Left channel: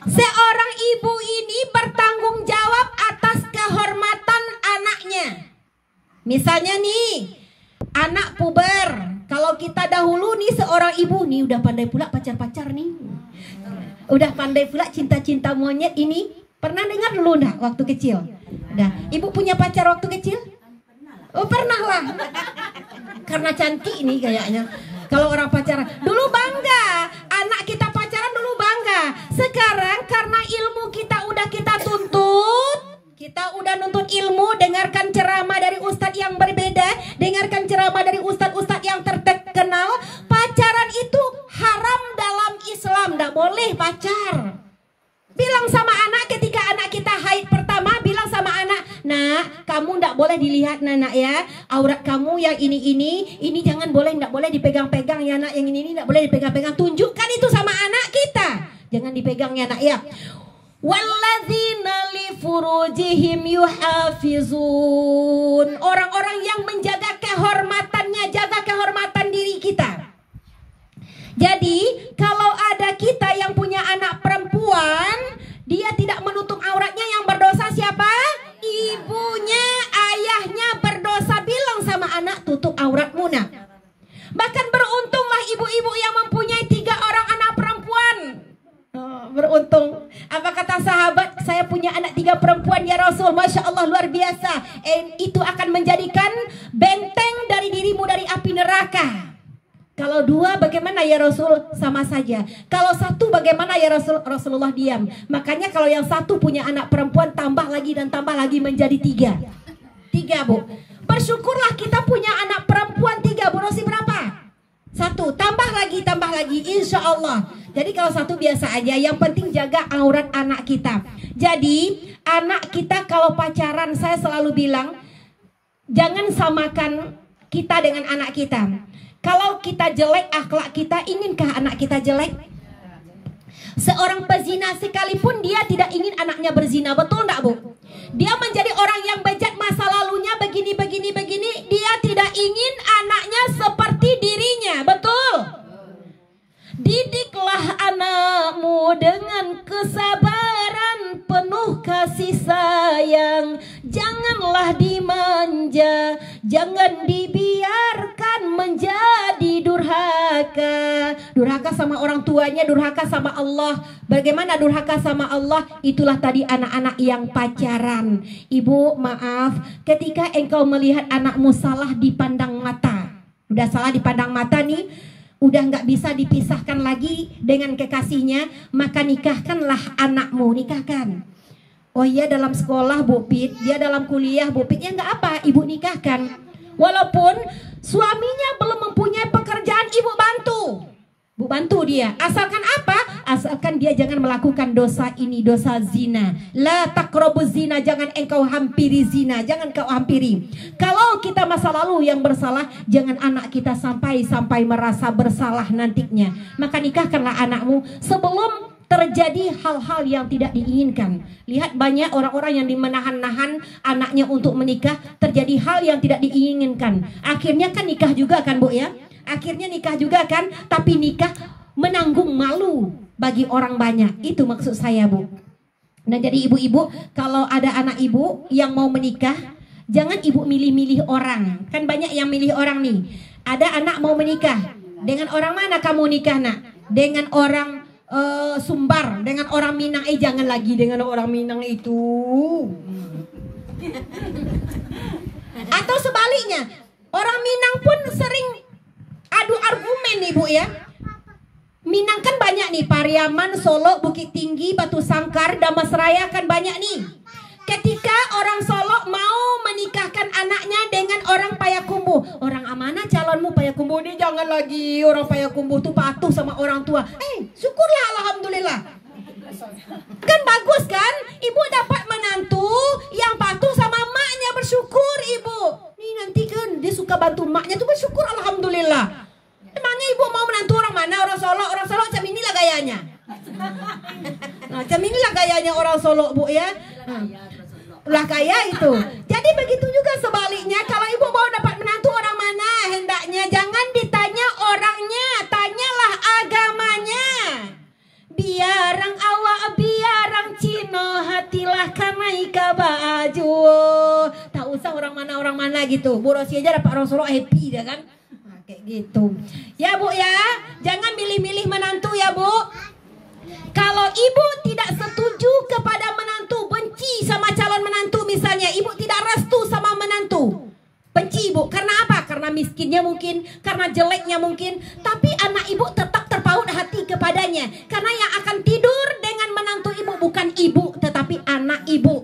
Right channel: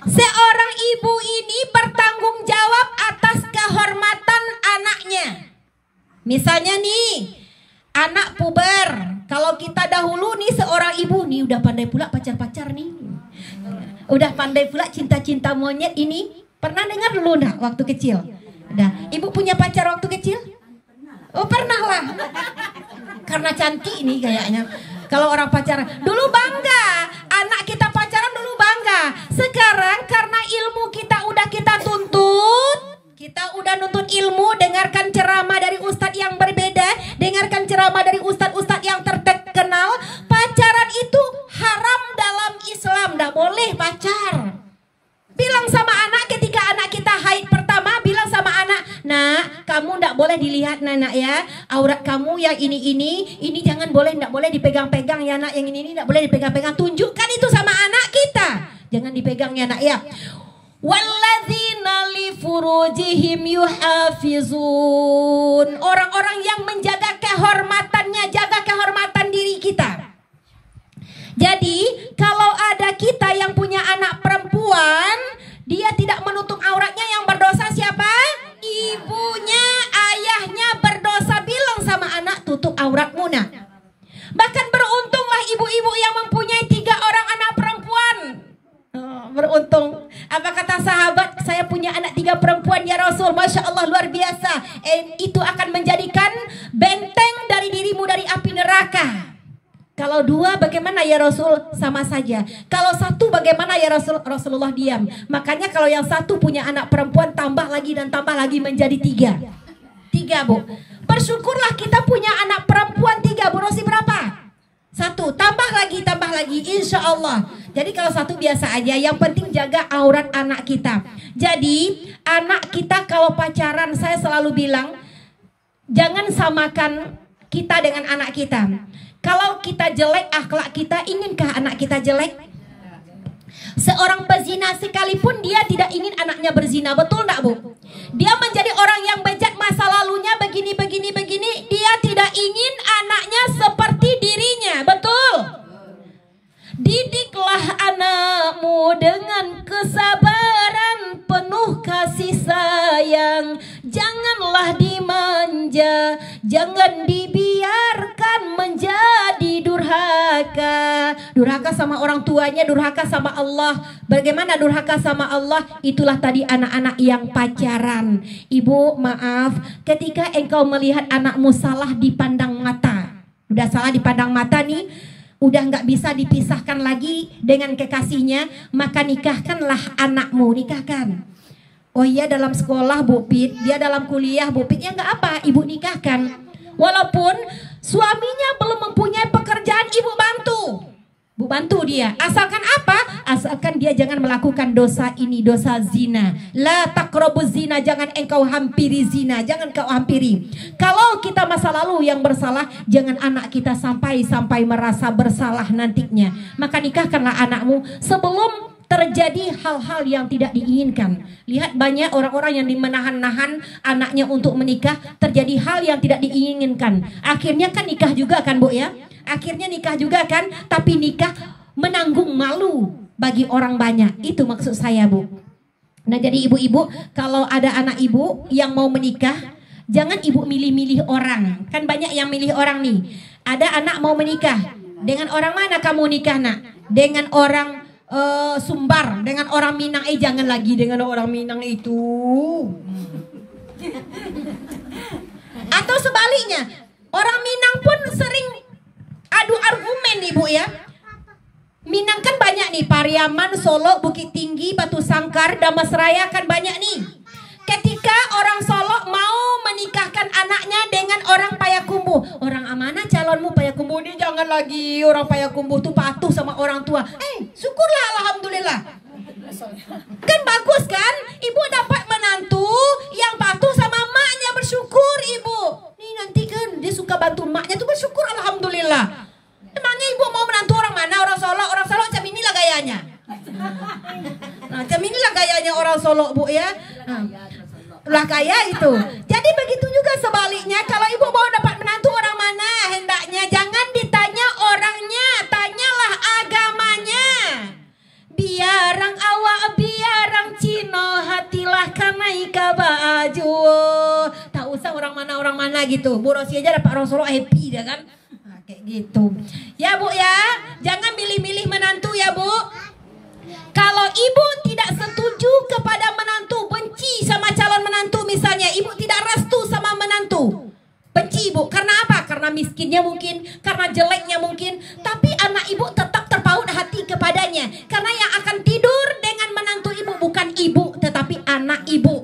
Seorang ibu ini bertanggung jawab atas kehormatan anaknya. Misalnya nih, anak puber. Kalau kita dahulu nih seorang ibu nih udah pandai pula pacar-pacar nih. Udah pandai pula cinta-cinta monyet ini. Pernah dengar dulu enggak waktu kecil? Udah. Ibu punya pacar waktu kecil? Oh, pernah lah. Karena cantik nih kayaknya. Kalau orang pacaran dulu bangga, anak kita pacaran dulu bangga. Sekarang karena ilmu kita udah kita tuntut, kita udah nuntut ilmu, dengarkan ceramah dari ustadz yang berbeda, dengarkan ceramah dari ustadz-ustadz yang terkenal. Pacaran itu haram dalam Islam, nggak boleh pacar. Bilang sama anak ketika anak kita haid pertama, bilang sama anak, nak, kamu ndak boleh dilihat nak ya, aurat kamu yang ini jangan boleh, ndak boleh dipegang-pegang ya nak, yang ini ndak boleh dipegang-pegang. Tunjukkan itu sama anak kita, jangan dipegang ya nak ya. Walladzina li furujihim yuhafizun, orang-orang yang menjaga kehormatannya, jaga kehormatan diri kita. Jadi kalau ada kita yang punya anak perempuan, dia tidak menutup auratnya, yang berdosa siapa? Ibunya, ayahnya berdosa. Bilang sama anak, tutup auratmu nak. Bahkan beruntunglah ibu-ibu yang mempunyai 3 orang anak perempuan. Oh, beruntung. Apa kata sahabat? Saya punya anak 3 perempuan ya Rasul. Masya Allah, luar biasa. Itu akan menjadikan benteng dari dirimu dari api neraka. Kalau 2 bagaimana ya Rasul? Sama saja. Kalau 1 bagaimana ya Rasul? Rasulullah diam. Makanya kalau yang 1 punya anak perempuan, tambah lagi dan tambah lagi menjadi 3. 3 bu. Bersyukurlah kita punya anak perempuan 3. Bu Rosi berapa? 1. Tambah lagi insya Allah. Jadi kalau 1 biasa aja. Yang penting jaga aurat anak kita. Jadi anak kita kalau pacaran, saya selalu bilang, jangan samakan kita dengan anak kita. Kalau kita jelek akhlak kita, inginkah anak kita jelek? Seorang pezina sekalipun dia tidak ingin anaknya berzina, betul enggak bu? Dia menjadi orang yang bejat masa lalunya begini, dia tidak ingin anaknya seperti dirinya, betul? Didiklah anakmu dengan kesabaran, penuh kasih sayang, janganlah dimanja, jangan dibiarkan menjadi durhaka. Durhaka sama orang tuanya, durhaka sama Allah. Bagaimana durhaka sama Allah? Itulah tadi anak-anak yang pacaran. Ibu maaf, ketika engkau melihat anakmu salah dipandang mata, udah salah dipandang mata nih, udah nggak bisa dipisahkan lagi dengan kekasihnya, maka nikahkanlah anakmu, nikahkan. Oh iya, dalam sekolah Bu Pit, dia dalam kuliah Bu Pit, ya nggak apa, ibu nikahkan. Walaupun suaminya belum mempunyai pekerjaan, ibu bantu. Bu bantu dia, asalkan apa? Asalkan dia jangan melakukan dosa ini, dosa zina. La taqrabu zina, jangan engkau hampiri zina, jangan kau hampiri. Kalau kita masa lalu yang bersalah, jangan anak kita sampai merasa bersalah nantinya. Maka nikahkanlah anakmu sebelum terjadi hal-hal yang tidak diinginkan. Lihat banyak orang-orang yang menahan-nahan anaknya untuk menikah, terjadi hal yang tidak diinginkan. Akhirnya kan nikah juga kan Bu ya? Akhirnya nikah juga kan, tapi nikah menanggung malu bagi orang banyak. Itu maksud saya Bu. Nah jadi ibu-ibu, kalau ada anak ibu yang mau menikah, jangan ibu milih-milih orang. Kan banyak yang milih orang nih. Ada anak mau menikah, dengan orang mana kamu nikah nak? Dengan orang Sumbar, dengan orang Minang. Jangan lagi dengan orang Minang itu. Atau sebaliknya, orang Minang pun sering adu argumen nih Bu ya. Minang kan banyak nih, Pariaman, Solo, Bukit Tinggi, Batu Sangkar, Damasraya kan banyak nih. Ketika orang Solo mau menikahkan anaknya dengan orang Payakumbuh, orang amanah calonmu Payakumbuh ini, jangan lagi orang Payakumbuh tuh patuh sama orang tua. Syukurlah, alhamdulillah. Kan bagus kan? Ibu dapat menantu yang patuh sama emaknya, bersyukur ibu. Nih nanti kan dia suka bantu emaknya tuh, bersyukur alhamdulillah. Emangnya ibu mau menantu orang mana? Orang Solo macam inilah gayanya. Nah, macam inilah gayanya orang Solo Bu ya. Lah kaya itu. Jadi begitu juga sebaliknya, kalau ibu mau dapat menantu orang mana, hendaknya jangan ditanya orangnya, tanyalah agamanya. Biarang awak gitu. Bu Rosi aja dapat Rasulullah happy dah kan. Nah, kayak gitu. Ya Bu ya, jangan milih-milih menantu ya Bu. Kalau ibu tidak setuju kepada menantu, benci sama calon menantu misalnya, ibu tidak restu sama menantu, benci ibu. Karena apa? Karena miskinnya mungkin, karena jeleknya mungkin. Tapi anak ibu tetap terpaut hati kepadanya. Karena yang akan tidur dengan menantu ibu bukan ibu, tetapi anak ibu.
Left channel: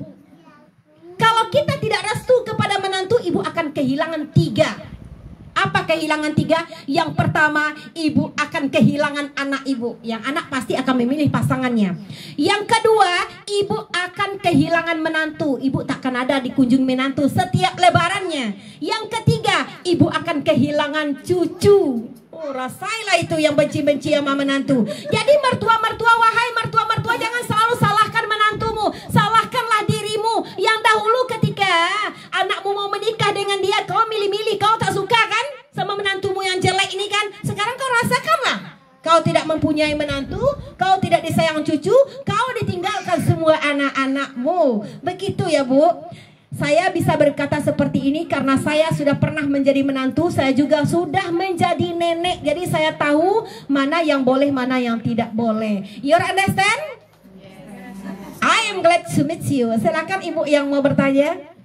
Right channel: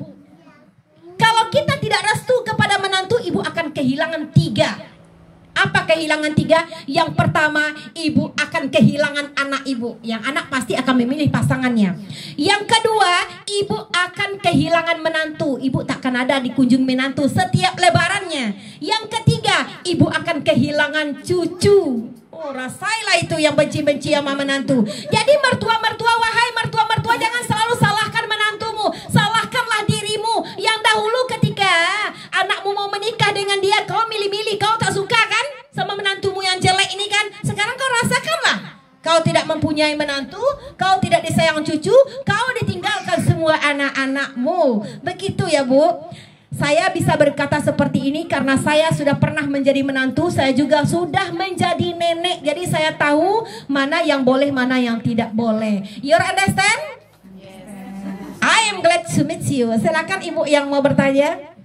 Kalau kita tidak restu kepada menantu, ibu akan kehilangan 3. Apa kehilangan 3? Yang pertama, ibu akan kehilangan anak ibu. Yang anak pasti akan memilih pasangannya. Yang kedua, ibu akan kehilangan menantu. Ibu tak akan ada di kunjung menantu setiap lebarannya. Yang ketiga, ibu akan kehilangan cucu. Oh, rasailah itu yang benci-benci sama menantu. Jadi mertua-mertua, wahai mertua-mertua, jangan selalu salahkan menantumu. Salahkanlah dirimu. Yang dahulu ketika anakmu mau menikah dengan dia, kau milih-milih, kau tak suka kan sama menantumu yang jelek ini kan. Sekarang kau rasakanlah. Kau tidak mempunyai menantu, kau tidak disayang cucu, kau ditinggalkan semua anak-anakmu. Begitu ya Bu. Saya bisa berkata seperti ini karena saya sudah pernah menjadi menantu. Saya juga sudah menjadi nenek. Jadi saya tahu mana yang boleh, mana yang tidak boleh. You understand? I am glad to meet you. Silakan ibu yang mau bertanya.